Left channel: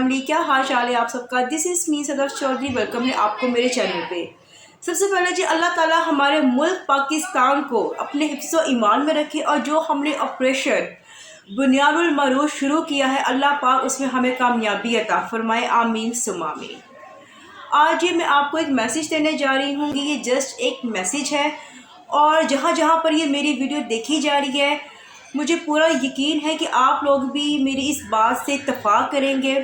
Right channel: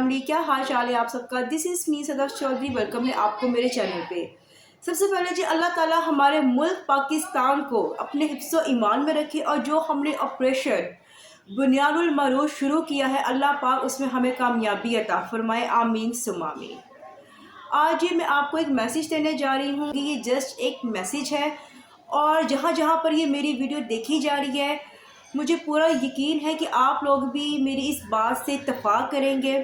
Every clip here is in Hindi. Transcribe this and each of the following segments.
फैमिली, क्या हाल चाल है आप सबका। दिस इज़ मी सदर चौधरी, वेलकम है आपको मेरे चैनल पे। सबसे पहले जी अल्लाह ताला हमारे मुल्क पाकिस्तान को अपने हिफ्ज़ो ईमान में रखे और जो हमने ऑपरेशन बुनियादुल मरूज शुरू किया है अल्लाह पाक उसमें हमें कामयाबी अता फरमाए, आमीन सुम्मा आमीन। आज ये मैं आपको एक मैसेज देने जा रही हूँ कि ये जस्ट एक मैसेज है और जहाँ जहाँ पर ये मेरी वीडियो देखी जा रही है मुझे पूरा यकीन है कि आप लोग भी मेरी इस बात से इत्तफाक करेंगे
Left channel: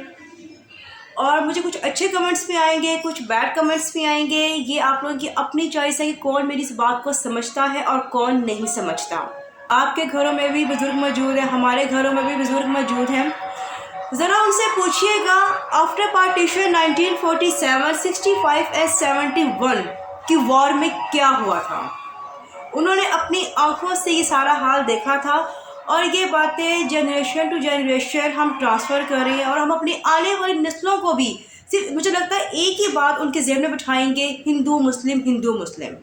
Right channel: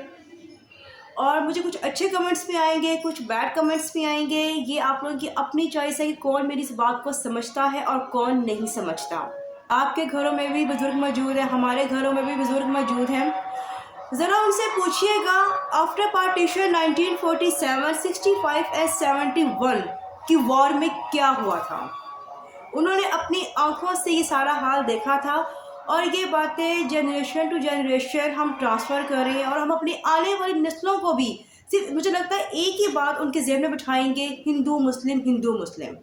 और मुझे कुछ अच्छे कमेंट्स भी आएंगे, कुछ बैड कमेंट्स भी आएंगे। ये आप लोगों की अपनी चॉइस है कि कौन मेरी इस बात को समझता है और कौन नहीं समझता। आपके घरों में भी बुज़ुर्ग मौजूद हैं, हमारे घरों में भी बुज़ुर्ग मौजूद हैं। ज़रा उनसे पूछिएगा आफ्टर पार्टीशन 1947, 65 and 71 की वॉर में क्या हुआ था। उन्होंने अपनी आंखों से ये सारा हाल देखा था और ये बातें जनरेशन टू जनरेशन हम ट्रांसफ़र कर रहे हैं और हम अपनी आने वाली नस्लों को भी सिर्फ मुझे लगता है एक ही बात उनके ज़हन में बिठाएंगे, हिंदू मुस्लिम हिंदू मुस्लिम।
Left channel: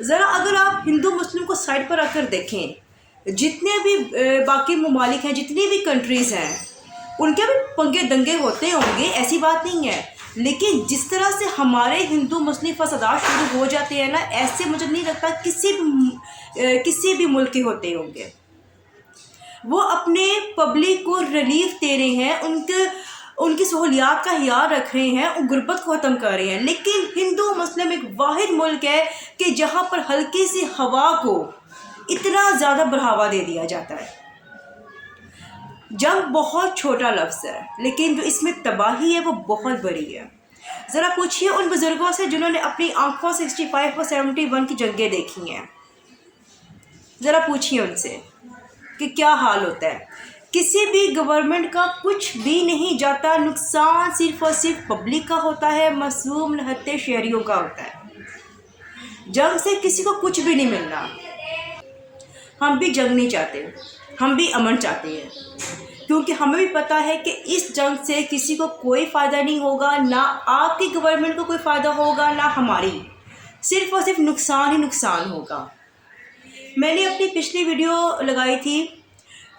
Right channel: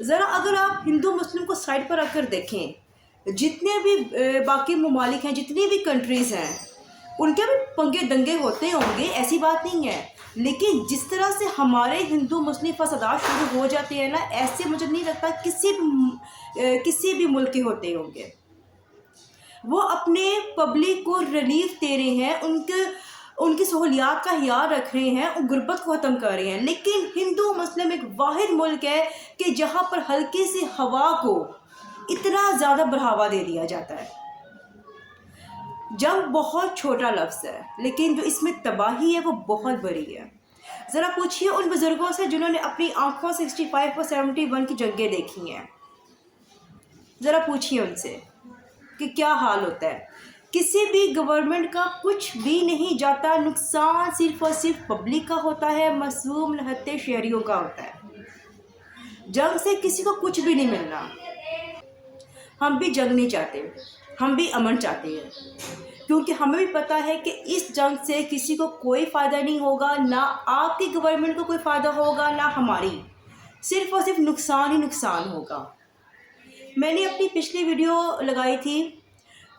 ज़रा अगर आप हिंदू मुस्लिम को साइड पर रखकर देखें, जितने भी बाकी ममालिक हैं, जितनी भी कंट्रीज़ हैं, उनके भी पंगे दंगे होते होंगे, ऐसी बात नहीं है। लेकिन जिस तरह से हमारे हिंदू मुस्लिम फसादात शुरू हो जाते हैं ना, ऐसे मुझे नहीं लगता किसी भी मुल्क के होते होंगे। वो अपने पब्लिक को रिलीफ दे रहे हैं, उनकी सहूलियात का ख्याल रख रहे हैं, गुर्बत को ख़त्म कर रहे हैं। लेकिन हिंदू मुस्लिम एक वाहिद मुल्क है कि जहाँ पर हल्की सी हवा को इतना ज़्यादा बढ़ावा दे दिया जाता है। जंग बहुत छोटा लफ्ज़ है लेकिन जो इसमें तबाही है वो बहुत बड़ी है। ज़रा पूछिए उन बुज़ुर्गों से जिन्होंने अपनी आंखों 65 और 71 की जंगें देखी हैं। ज़रा पूछिए उनसे कि क्या हाल होता है। किसी भी गवर्नमेंट का कुछ भी नहीं जाता, नुकसान सिर्फ़ और सिर्फ पब्लिक का होता है, मासूम निहत्ते शहरियों का होता है। जंग से किसी को कुछ भी नहीं मिलना। हम भी जंग नहीं चाहते, हम भी अमन चाहते हैं, क्योंकि हमें भी पता है कि इस जंग से किसी को कोई फ़ायदा नहीं होगा, ना आपकी गवर्नमेंट को कोई फ़ायदा होगा ना हमारी, सिर्फ़ और सिर्फ नुकसान ही नुकसान होगा। मैंने अपनी पिछली वीडियो लगाई थी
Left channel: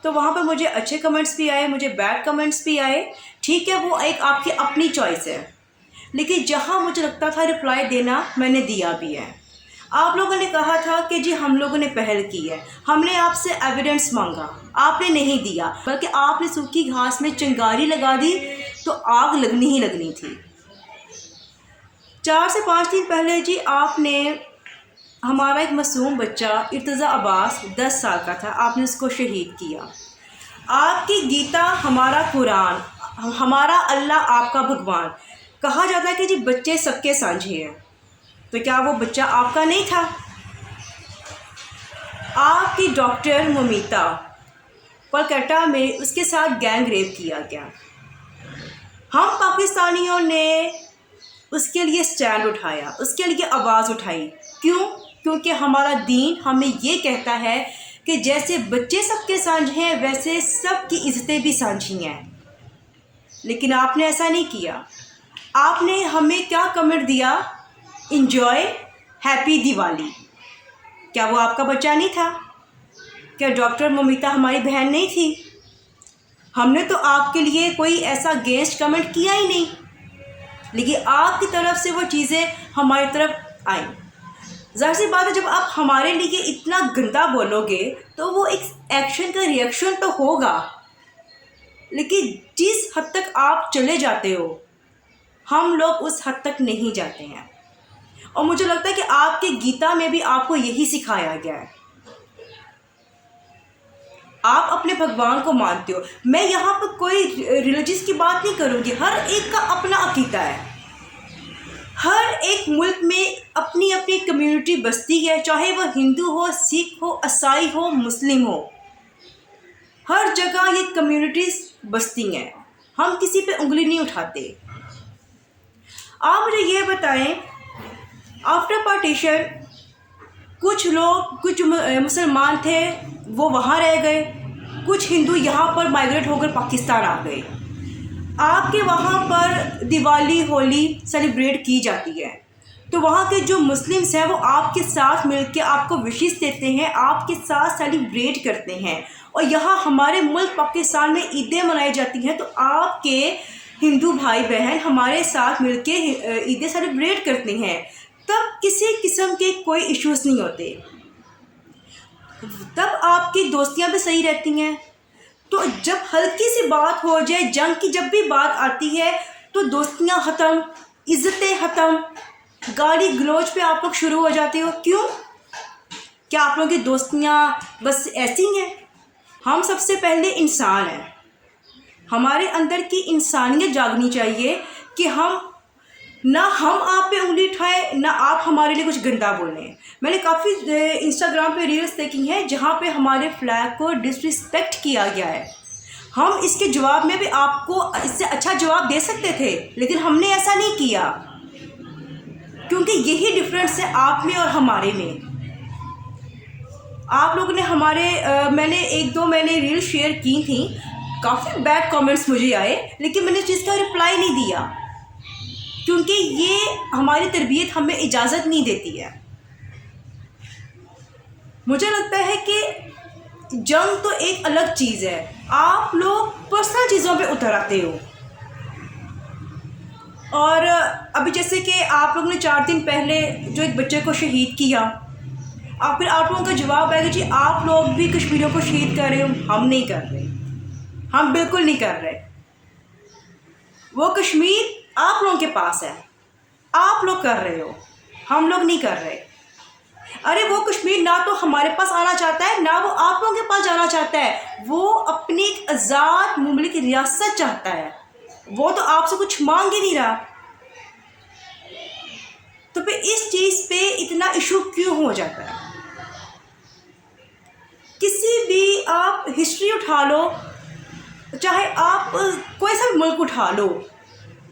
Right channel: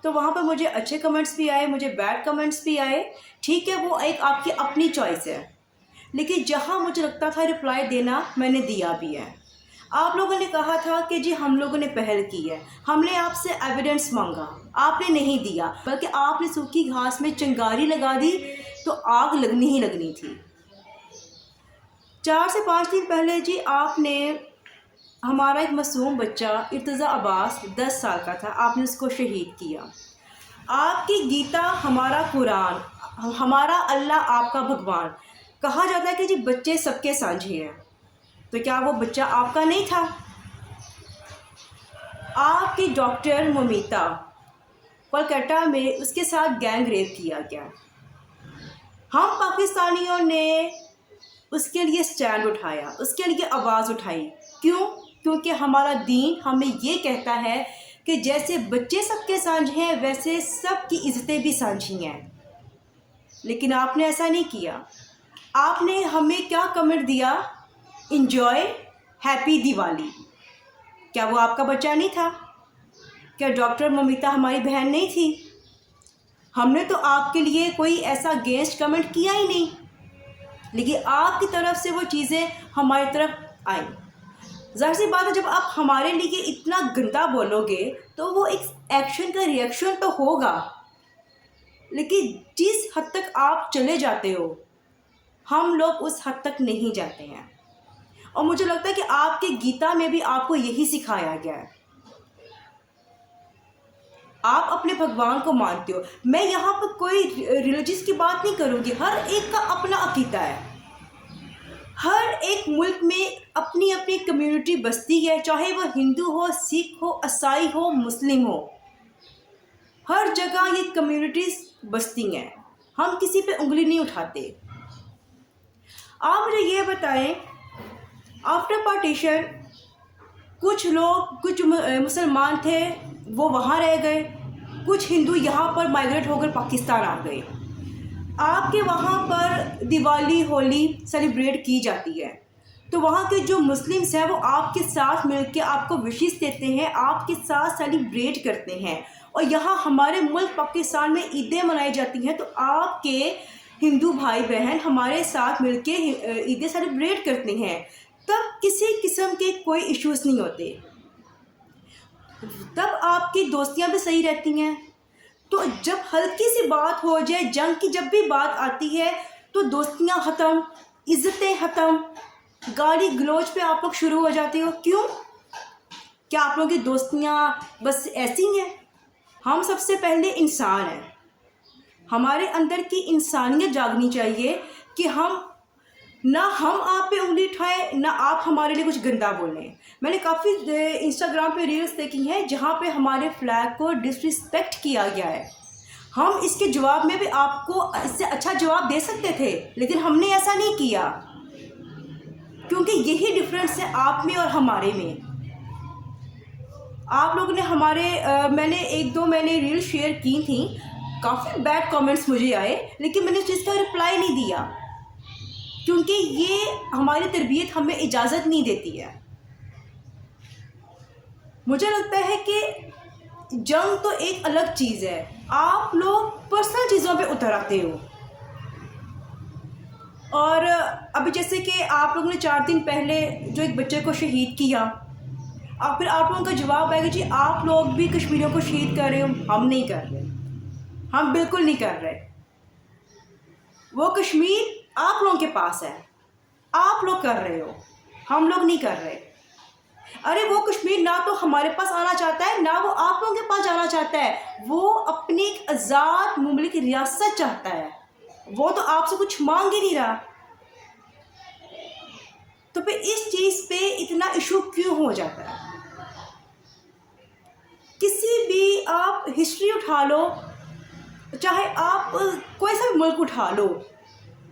तो वहाँ पर मुझे अच्छे कमेंट्स भी आए, मुझे बैड कमेंट्स भी आए। ठीक है, वो एक आपकी अपनी चॉइस है, लेकिन जहाँ मुझे लगता था रिप्लाई देना मैंने दिया भी है। आप लोगों ने कहा था कि जी हम लोगों ने पहल की है, हमने आपसे एविडेंस मांगा, आपने नहीं दिया, बल्कि आपने सूखी घास में चिंगारी लगा दी तो आग लगनी ही लगनी थी। 4 से 5 दिन पहले जी आपने हमारा एक मासूम बच्चा इर्तज़ा अब्बास 10 साल का था, आपने उसको शहीद किया। आपकी गीता, हमारा कुरान, हमारा अल्लाह, आपका भगवान, कहा जाता है कि जी बच्चे सबके साझे हैं, तो क्या वो बच्चा आपका नहीं था? आपकी डॉक्टर मोमिता कोलकाता में उसके साथ गैंग रेप किया गया। हम पाकिस्तानियों ने उसके लिए स्टैंड उठाया, उसके लिए आवाज़ उठाई। क्यों? क्योंकि हमारा दीन हमें ये कहता है कि जैसे बच्चे सबके साझे हैं वैसे सबकी इज़्ज़तें भी साझी हैं। लेकिन आपने ऐसा नहीं किया। आपने हमें क्या कमेंट दिया? Enjoy happy Diwali. क्या वो आपका बच्चा नहीं था? क्या डॉक्टर मोमिता हमारी बहन नहीं थी? हमने तो आपके लिए कोई ऐसा गेस्ट कमेंट किया ही नहीं, लेकिन आपकी तरफ से वो चीज़ें हमारी तरफ आई। ज़ाहिर सी बात है, जब आप हमारे लिए इतना गंदा बोलोगे तो वो एक एक्शन का रिएक्शन तो होगा, लेकिन जिस हद तक आप चले जाते हो हम लोग उस हद तक नहीं जाते हैं। और मुझे लगता है कि आपके गीता में भी आपको यही सिखाया गया है। आप अपने भगवान को मानते हो। मैं यहाँ पर कोई रिलीजियस की बात नहीं करूँगी, हर एक का अपना अकीदा है। हर एक मुल्क में अपनी अपनी कम्युनिटी बसती है, चाहे वह हिंदू हो, सिख हो, ईसाई हो, मुस्लिम हो, हर जगह ये कम्युनिटीज़ बसती हैं। हम किसी पे उंगली नहीं उठाते। आप मुझे ये बताएं, आफ्टर पार्टीशन कुछ लोग, कुछ मुसलमान थे वो वहाँ रह गए, कुछ हिंदू यहाँ पर माइग्रेट होकर पाकिस्तान आ गए। आपके वहाँ पर दिवाली होली सेलिब्रेट की जाती है, तो वहाँ के जो मुस्लिम्स हैं वो आपके साथ मिलके आपको विशेस देते हैं, आपके साथ सेलिब्रेट करते हैं। और यहाँ हमारे मुल्क पाकिस्तान में ईदें मनाई जाती हैं, तो आपके हिंदू भाई बहन हमारे साथ मिलके ईदें सेलिब्रेट करते हैं, तब किसी किस्म के कोई इश्यूज़ नहीं होते, तब आपकी दोस्तियाँ भी सही रहती हैं। तो जब हल्की सी बात हो जाए, जंग की जब भी बात आती है, तो दोस्तियाँ ख़त्म, इज़्ज़तें ख़त्म, गाली गलौज पे आप लोग शुरू हो जाते हो। क्यों? क्या आप लोगों की दोस्तियाँ बस ऐसी हैं? हम सबसे पहले इंसान हैं, हमारे अंदर की इंसानियत जागनी चाहिए कि हम आप पे उंगली उठाएं, ना आप हमारे लिए कुछ गंदा बोलें। मैंने काफ़ी इंस्टाग्राम पे रील्स देखी हैं जहाँ पे हमारे फ्लैग को डिसरिस्पेक्ट किया गया है। हम इसके जवाब में भी आपको इससे अच्छा जवाब दे सकते थे, लेकिन हमने ऐसा नहीं किया, क्योंकि यही डिफरेंस है आप में और हमारे में। आप लोगों ने मैंने एक दो रील शेयर की थी, काफ़ी बैड कमेंट्स मुझे आए, लेकिन मैंने चीज़ का रिप्लाई नहीं दिया, क्योंकि ये हमारी तरबियत हमें इजाज़त नहीं देती है। मुझे लगता है कि जंग तो एक अलग चीज़ है, आप लोग पर्सनल चीज़ों पे उतर आते हो। और अभी जैसे कि आप लोगों ने 4 दिन पहले जो एक बच्चे को शहीद किया, फिर आप लोगों का जवाब है कि जी आप लोग भी कश्मीरियों को शहीद कर रहे हो। हम नहीं कर रहे, हम बिल्कुल नहीं कर रहे। वो कश्मीर आप लोगों के पास है, आप लोग कर रहे हो, हम लोग नहीं कर रहे। अरे वो कश्मीर ना तो हमारे पास आना चाहता है, ना वो आप लोगों के पास जाना चाहता है। वो अपनी एक आज़ाद मुमलिक रियासत चाहता है, वो तो आपसे कुछ मांग ही नहीं रहा। तो फिर इस चीज़ पे इतना इशू क्यों हो जाता है? किसी भी आप हिस्ट्री उठा लो, चाहे आप कोई सा मुल्क उठा लो,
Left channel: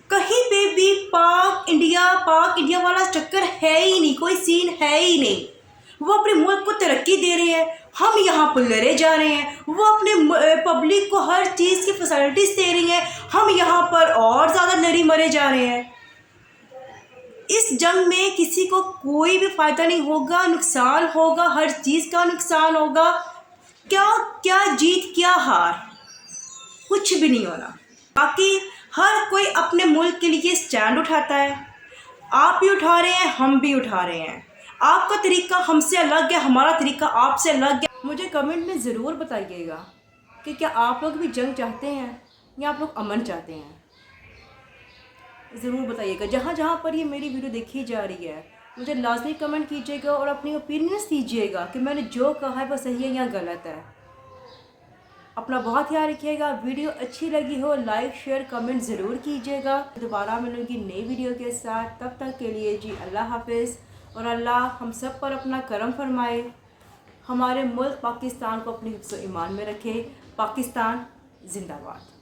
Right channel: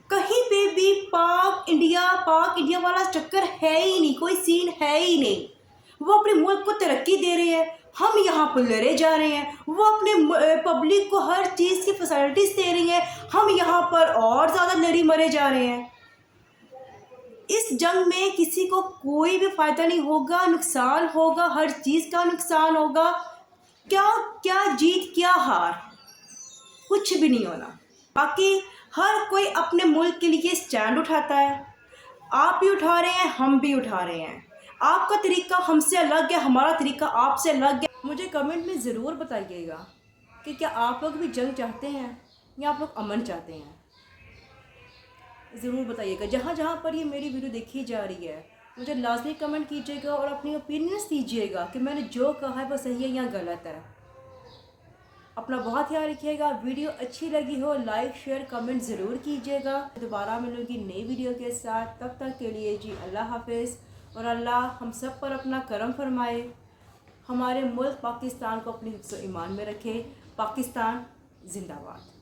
कहीं पे भी पाक इंडिया वाला चक्कर है ही नहीं, कोई सीन है ही नहीं। वो अपने मुल्क को तरक्की दे रहे हैं, हम यहाँ पर लड़े जा रहे हैं। वो अपने पब्लिक को हर चीज़ की फैसिलिटीज़ दे रही हैं, हम यहाँ पर और ज़्यादा लड़ी मरे जा रहे हैं। इस जंग में किसी को कोई भी फ़ायदा नहीं होगा, नुकसान होगा, हर चीज़ का नुकसान होगा। क्या जीत क्या हार, कुछ भी नहीं होना। बाकी हर कोई अपने मुल्क के लिए स्टैंड उठाता है, आप भी उठा रहे हैं, हम भी उठा रहे हैं। आपका तरीका हमसे अलग है, हमारा तरीका आपसे अलग है। मुझे कमेंट में ज़रूर बताइएगा कि क्या आप लोग भी जंग चाहते हैं या आप लोग अमन चाहते हैं। ज़रूर बताइएगा। जहाँ जहाँ पर ये मेरी वीडियो देखी जा रही है, मुझे लाजमी कमेंट कीजिएगा और अपनी ओपिनियंस दीजिएगा कि मैंने जो कहा है वो सही है या गलत है। अपना बहुत ख्याल रखिएगा। वीडियो अच्छी लगी हो लाइक शेयर कमेंट ज़रूर कीजिएगा। दोबारा मिलूँगी नई वीडियो के साथ, तब तक के लिए जी अल्लाह हाफिज़। और अल्लाह हम सब पर अपना करम फरमाए, हमारे मुल्क पाकिस्तान को अपने हिफ्ज़-ओ-ईमान में रखे। पाकिस्तान जिंदाबाद।